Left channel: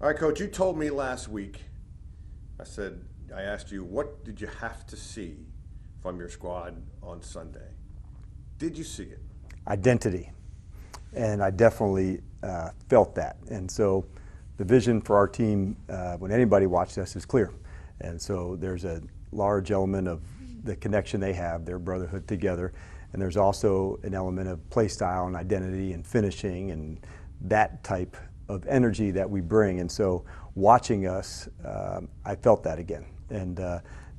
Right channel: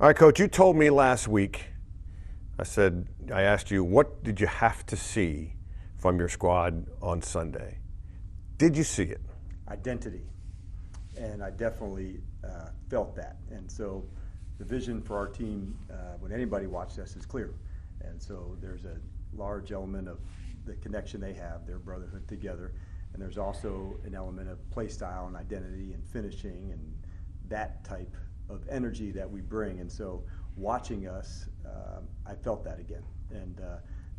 All right, Coach, you told me last week, I asked you, what did you have to see from your squad on Sunday? Did you see it? Identity. And I definitely felt that. And so the vision for our team, when anybody watched us, is clear. And so there's a large element of the connection they have, their brotherhood together. And there's also an element of play style and identity and finishing and that type of energy that we bring. And so watching us, I felt that again. And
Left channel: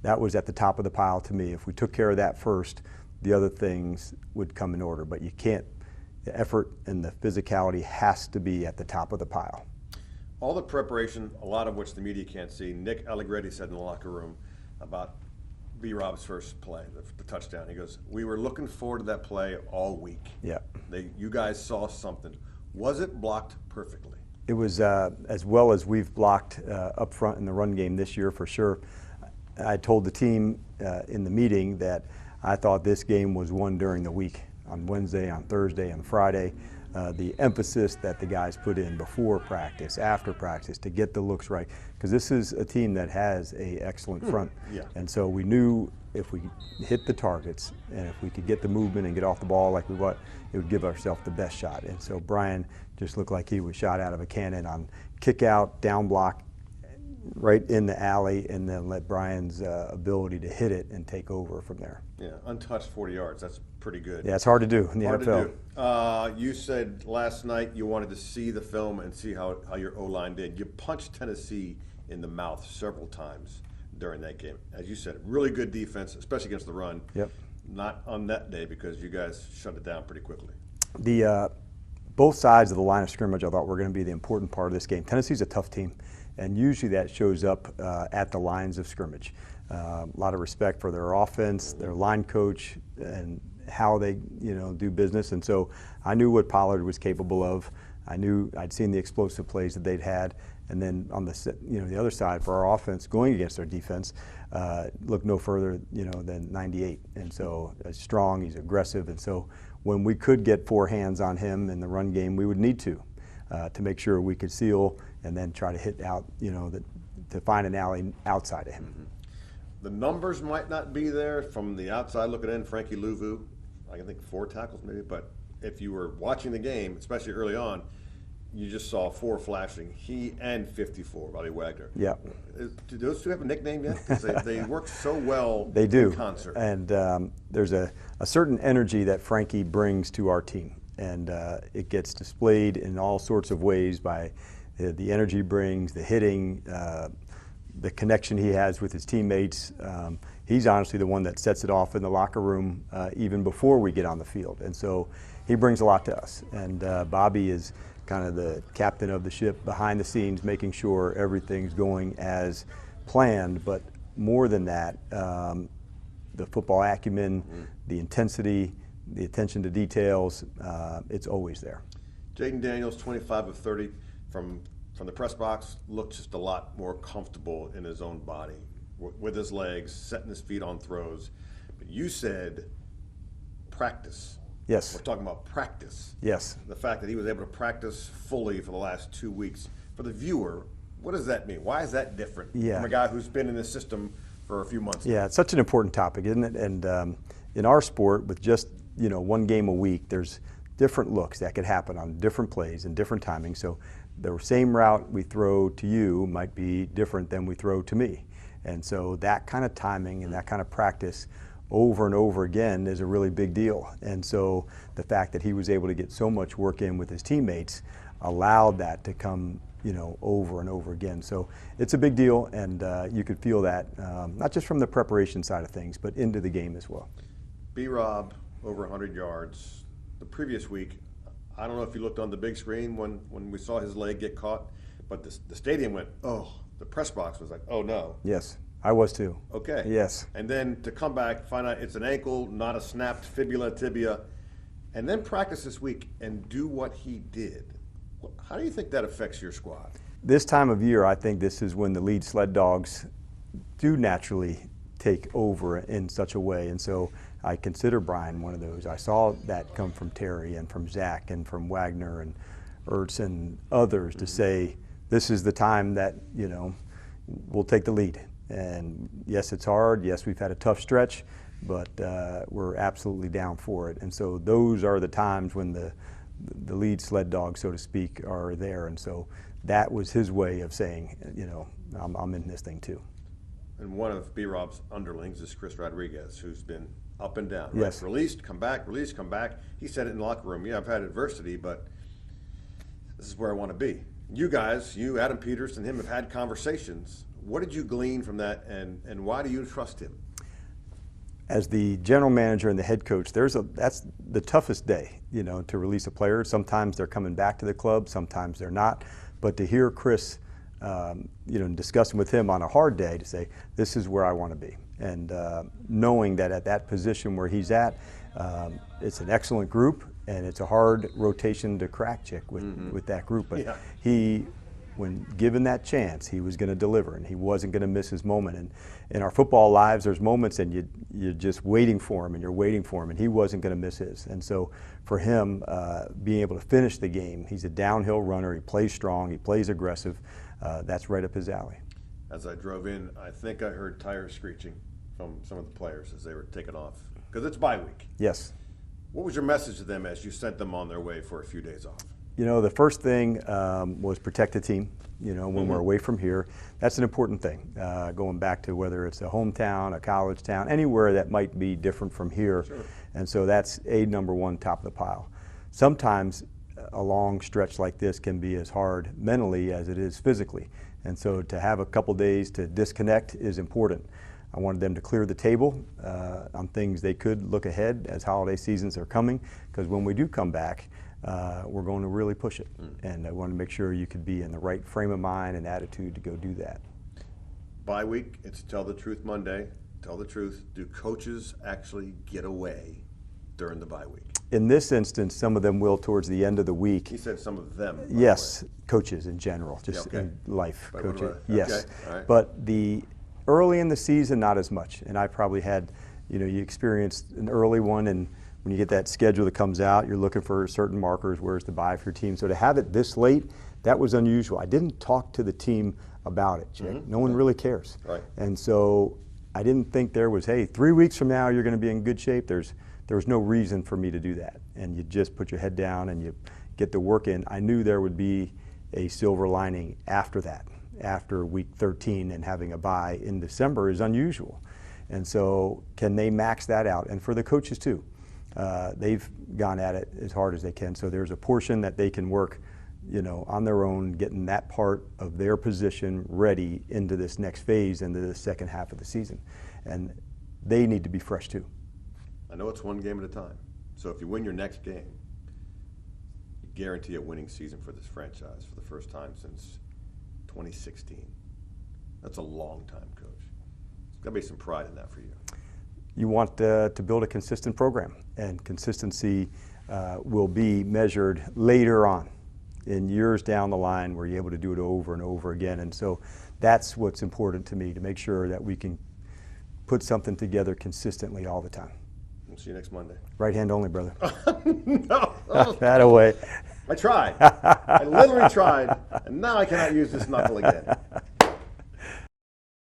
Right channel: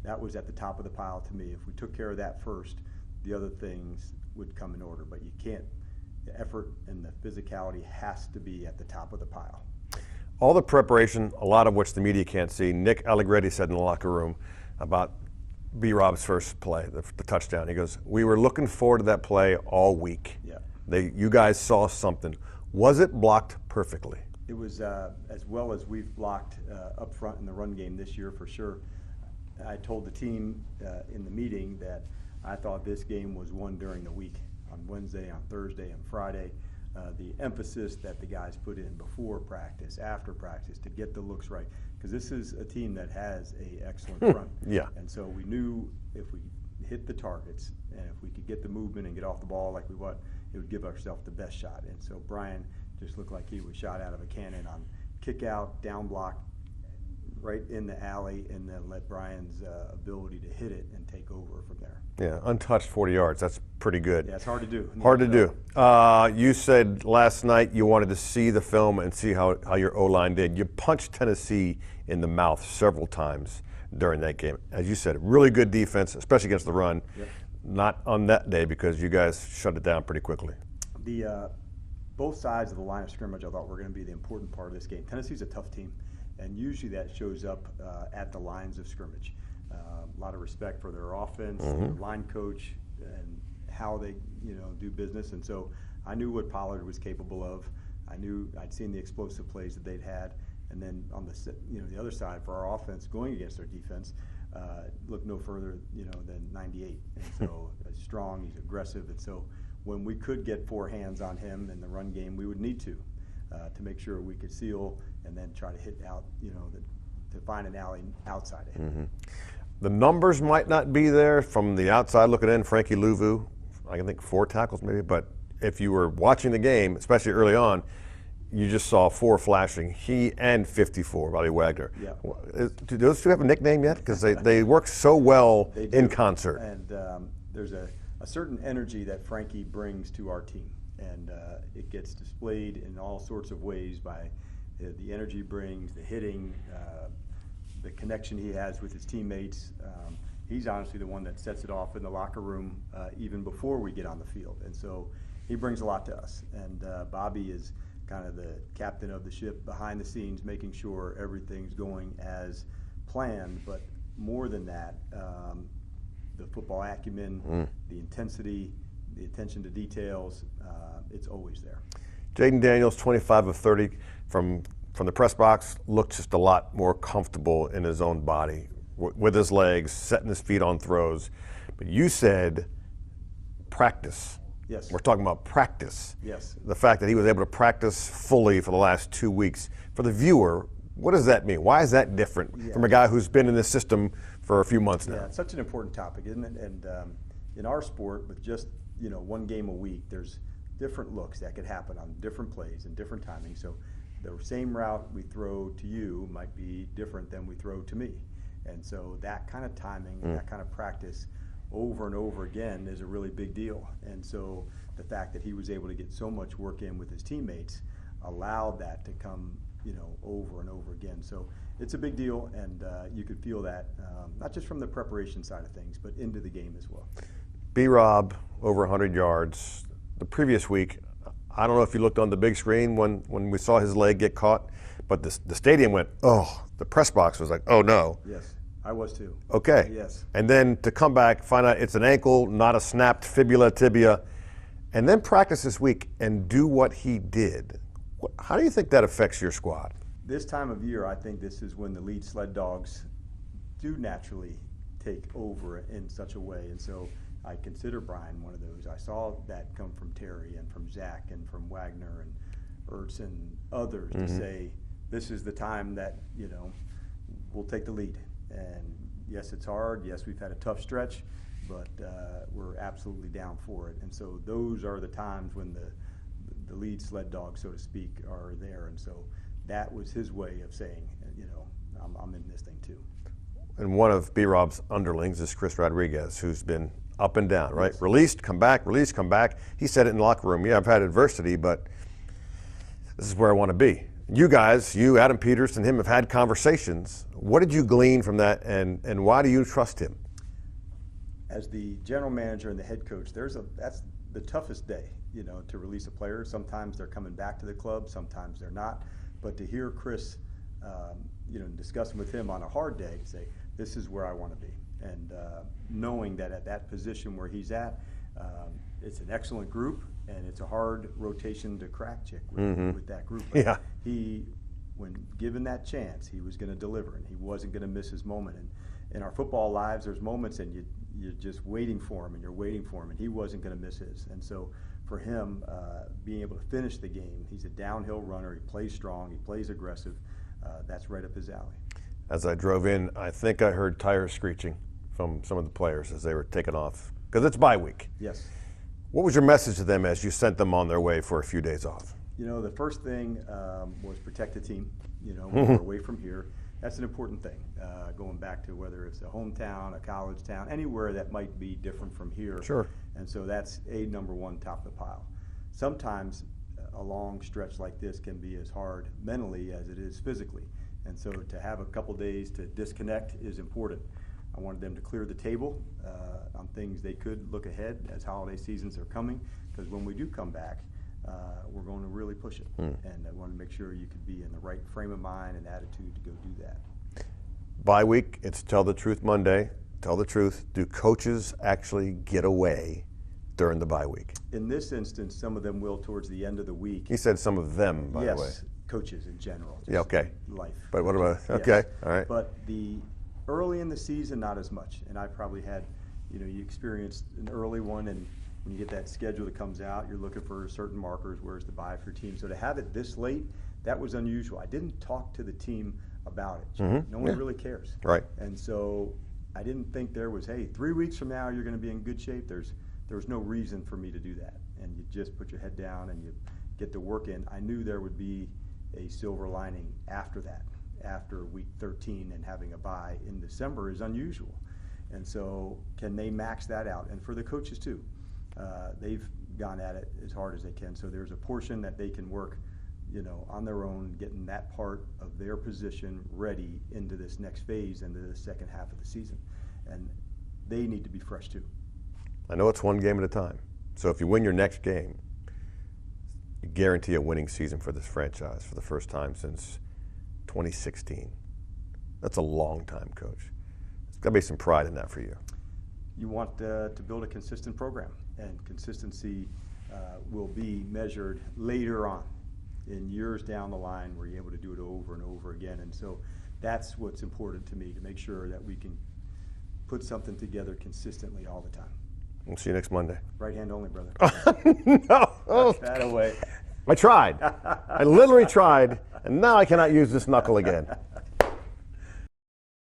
that was at the top of the pile to me. If we took care of that first, the other things would come in order. But you can't, the effort and the physicality has to be at the top of the pile. All the preparation, a lot of which the media can't see. Nick Allegretti said in the locker room about B-Rob's first play, the touchdown. He goes, "We were looking forward to that play all week." Yeah. You guys saw something. Was it blocked perfectly? It was as well as we've blocked up front in the run game this year for sure. I told the team in the meeting that I thought this game was won during the week, on Wednesday, on Thursday, and Friday. The emphasis that the guys put in before practice, after practice, to get the looks right. Because this is a team that has an excellent front. Yeah. And so we knew if we hit the targets and if we could get the movement and get off the ball like we want, it would give ourselves the best shot. And so Brian just looked like he was shot out of a cannon on kick out, down block, right in the alley, and then let Brian's ability to hit it and take over from there. Yeah, untouched 40 yards. That's pretty good. Yeah, it's hard to do. Hard to do. You said last night you wanted to see the film and see how your O-line did. You punched Tennessee in the mouth several times during that game. As you said, really good defense, especially against the run. Yep. Not on that day because you guys shut it down pretty quickly. Both sides of the line of scrimmage I thought were going to be the important part of this game. Tennessee's a tough team, and usually that shows up at the lines of scrimmage. A lot of respect for their offense, their line coach, and how they do business. And so I knew what Pollard was capable of. I knew I'd seen the explosive plays that they'd had. And then on the other side for our offense going against their defense, look no further than 98. And so strong, he's aggressive. And so when we could get four hands on him in the run game, we would need to make sure we could seal and then try to hit out, to find an alley outside of him. The numbers might not be there from the outside looking in. Frankie Louvu, I can think 4 tackles maybe, but if you were watching the game, especially early on, you just saw 4 flashing, he and 54, Bobby Wagner. Yeah. Do those two have a nickname yet? Because they work so well they do. in concert. And there's a certain energy that Frankie brings to our team. And it gets displayed in all sorts of ways by the energy he brings, the hitting, the connection he has with his teammates. He's honestly the one that sets it off in the locker room even before we get on the field. And so he brings a lot to us. And Bobby is kind of the captain of the ship behind the scenes, making sure everything's going as planned. But more than that, the football acumen, the intensity, the attention to details, it's always there. Jaden Daniels, 25 of 30 from the press box, looked just a lot more comfortable in his own body, with his legs, setting his feet on throws. But you said practice. Yes. We're talking about practice. Yes. The fact that he was able to practice fully for the last 2 weeks. For the viewer, what does that mean? Why is that different from a guy who's been in this system for a few months now? Yeah, it's such an important topic, isn't it? And in our sport, with just one game a week, there's different looks that could happen on different plays and different timing. So the same route we throw to you might be different than we throw to me. And so that kind of timing and that kind of practice over and over again is a really big deal. And so the fact that he was able to get so much work in with his teammates allowed that to come over and over again. So it's a big deal, and you could feel that not just from the preparation side of things, but into the game as well. B-Rob, over 100 yards. The previous week, I don't know if you looked on the big screen when we saw his leg get caught, but the stadium went, oh, the press box was like, oh no. Yes, I was too. Okay. Yes. And then to come back, find out it's an ankle, not a snapped fibula, tibia, and then practice this week and do what he did. How do you think that affects your squad? This time of year, I think this is when the lead sled dogs do naturally take over in such a way. And so I consider Brian one of those. I saw that come from Terry and from Zach and from Wagner and Ertz and others to say, this is the time that, we'll take the lead. And yes, it's hard. Yes, we've had a tough stretch, but we're absolutely down for it. And so those are the times when the lead sled dogs, so to speak, are there. And so that was his way of saying, I'm in this thing too. And one of B-Rob's underlings is Chris Rodriguez, who's been up and down, right? Yes. Released, come back, released, come back. He said it in the locker room. Yeah, I've had adversity, but this is where I want to be. You guys, you, Adam Peters, and him have had conversations. What did you glean from that, and why do you trust him? As the general manager and the head coach, that's the toughest day, to release a player. Sometimes they're coming back to the club, sometimes they're not. But to hear Chris, discussing with him on a hard day to say, this is where I want to be. And knowing that at that position where he's at, it's an excellent group, and it's a hard rotation to crack, Chick, with that group. But Yeah. he, when given that chance, he was going to deliver, and he wasn't going to miss his moment. And in our football lives, there's moments, and you're just waiting for him, and you're waiting for him, and he wasn't going to miss his. And so for him, being able to finish the game, he's a downhill runner. He plays strong. He plays aggressive. That's right up his alley. As I drove in, I think I heard tires screeching from some of the players as they were taking off, because it's bye week. Yes. What was your message to them as you sent them on their way for a few days off? The first thing was protect the team. When we're away from here, that's an important thing. Going back to whether it's a hometown, a college town, anywhere that might be different from here. Sure. And so that's number one, top of the pile. Sometimes a long stretch like this can be as hard mentally as it is physically. And so to have a couple days to disconnect is important. I wanted them to clear the table on things they could look ahead as holiday seasons are coming, because when we do come back, we're going to really push it. And I want to make sure you could be in the right frame of mind and attitude to go do that. Bye week, it's Tell the Truth Monday. Tell the truth. Do coaches actually get away during the bye week? In this instance, some of them will towards the end of the week. He said some of them, by Yes, the way. coaches in general, just Yeah, okay. in life. But what coaches. about, Yes. okay, all right. But the early in the season, not as much. And I probably had, you experienced an early one, and when you get that schedule that comes out, you're looking for certain markers, where's the bye for your team. So to have it this late, that was unusual. I didn't talk to the team about it, Jay. No one really cares. Right. And so I didn't think there was, hey, 3 weeks from now you're going to be in good shape. There was no reason for me to do that. And you just put your head down and you get the work in. I knew there would be a silver lining after that. After week 13 and having a bye in December is unusual. And so can they max that out? And for the coaches too, they've gone at it as hard as they can. So there's a portion that they can work, on their own, getting that part of their position ready into this next phase, into the second half of the season. And they need to be fresh too. I know it's one game at a time. So if you win your next game, you guarantee a winning season for this franchise for the first time since 2016. That's a long time, Coach. There's got to be some pride in that for you. You want to build a consistent program, and consistency will be measured later on in years down the line where you're able to do it over and over again. And so that's what's important to me, to make sure that we can put something together consistently all the time. We'll see you next Monday. Right hand only, brother. No. That away. I tried. I literally tried, and now I cannot use this knuckle again.